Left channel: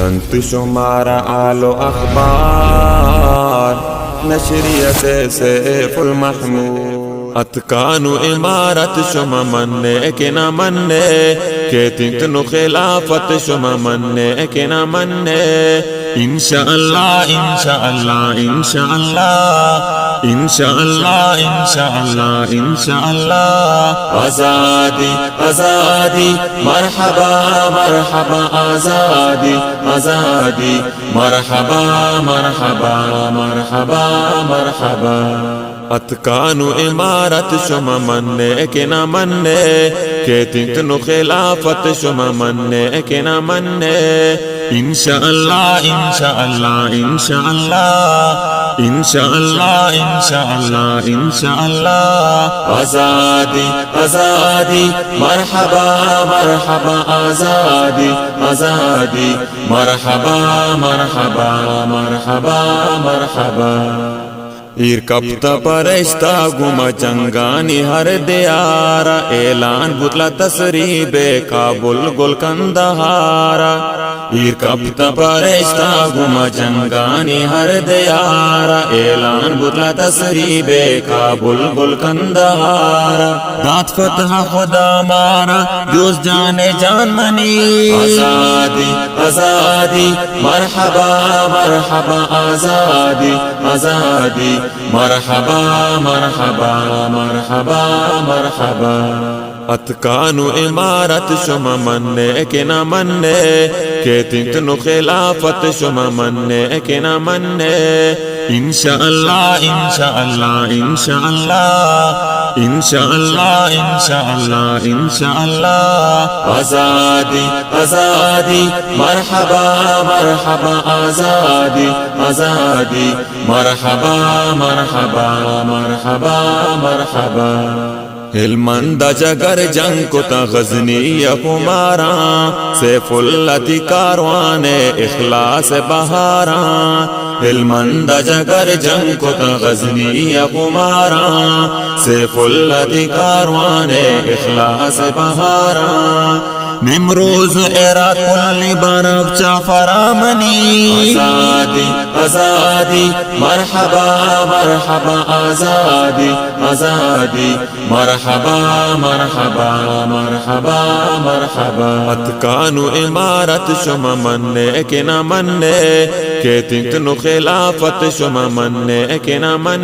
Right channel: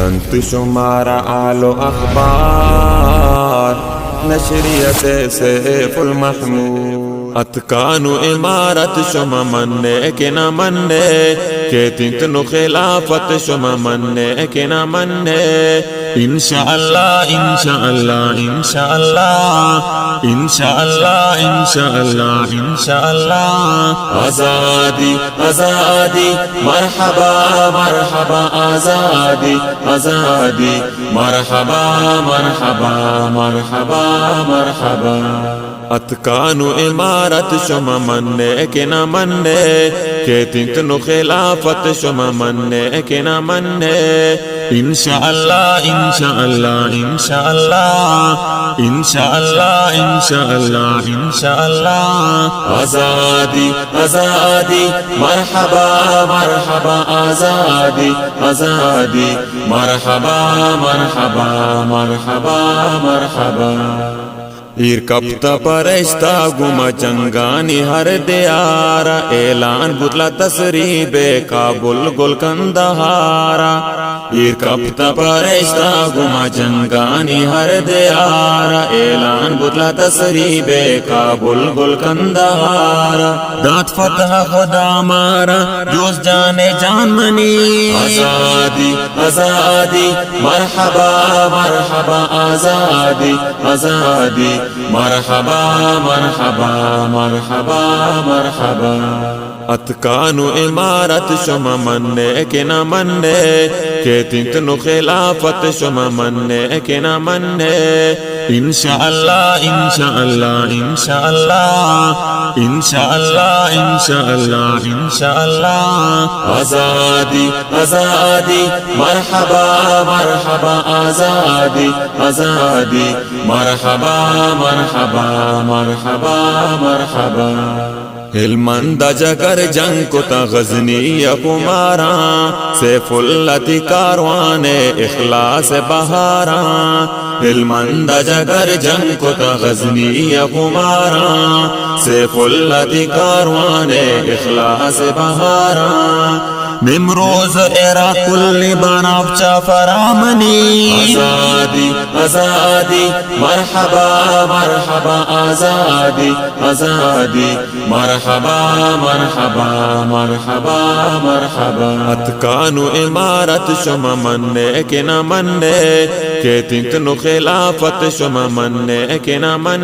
تنت شمارا آل و اخبار نشریت سیف المحمود اتکان و امارت شما مننے کہ نہ مننے کہ تنتنو خلافت شما مننے کہ نہ مننے انشاءاللہ انشاءاللہ انشاءاللہ انشاءاللہ انشاءاللہ انشاءاللہ آزادی آزادی مرحبا مرحبا آزادی آزادی مرحبا مرحبا مرحبا مرحبا اتکان و امارت شما مننے کہ نہ مننے کہ تنتنو خلافت شما مننے کہ نہ مننے انشاءاللہ انشاءاللہ انشاءاللہ انشاءاللہ انشاءاللہ انشاءاللہ آزادی آزادی مرحبا مرحبا آزادی آزادی مرحبا مرحبا مرحبا مرحبا ایر کپتا پرشتا گما چنگانی ہر دیارا اعلان بطلا تسریب کابل گل کندہارا ایر کپتا پرشتا گما چنگانی ہر دیارا اعلان بطلا تسریب کابل گل کندہارا دات فتح خدا مارا جوز جانے جان منی آزادی آزادی مرحبا مرحبا آزادی آزادی مرحبا مرحبا مرحبا مرحبا اتکان و امارت شما مننے کہ نہ مننے کہ تنتنو خلافت شما مننے کہ نہ مننے انشاءاللہ انشاءاللہ انشاءاللہ انشاءاللہ انشاءاللہ انشاءاللہ آزادی آزادی مرحبا مرحبا آزادی آزادی مرحبا مرحبا مرحبا مرحبا ہلمند جگر جنگ کو تا غزنی کماراں سیف اللہ تی کاروان اخلاص بہاراں ہلمند جگر جنگ کو تا غزنی کماراں سیف اللہ تی کاروان اخلاص بہاراں نمروز ایرا کلی بناب چا فرامنی آزادی آزادی مرحبا مرحبا آزادی آزادی مرحبا مرحبا مرحبا مرحبا اتکان و امارت شما مننے کہ نہ مننے کہ تنتنو خلافت شما مننے کہ نہ مننے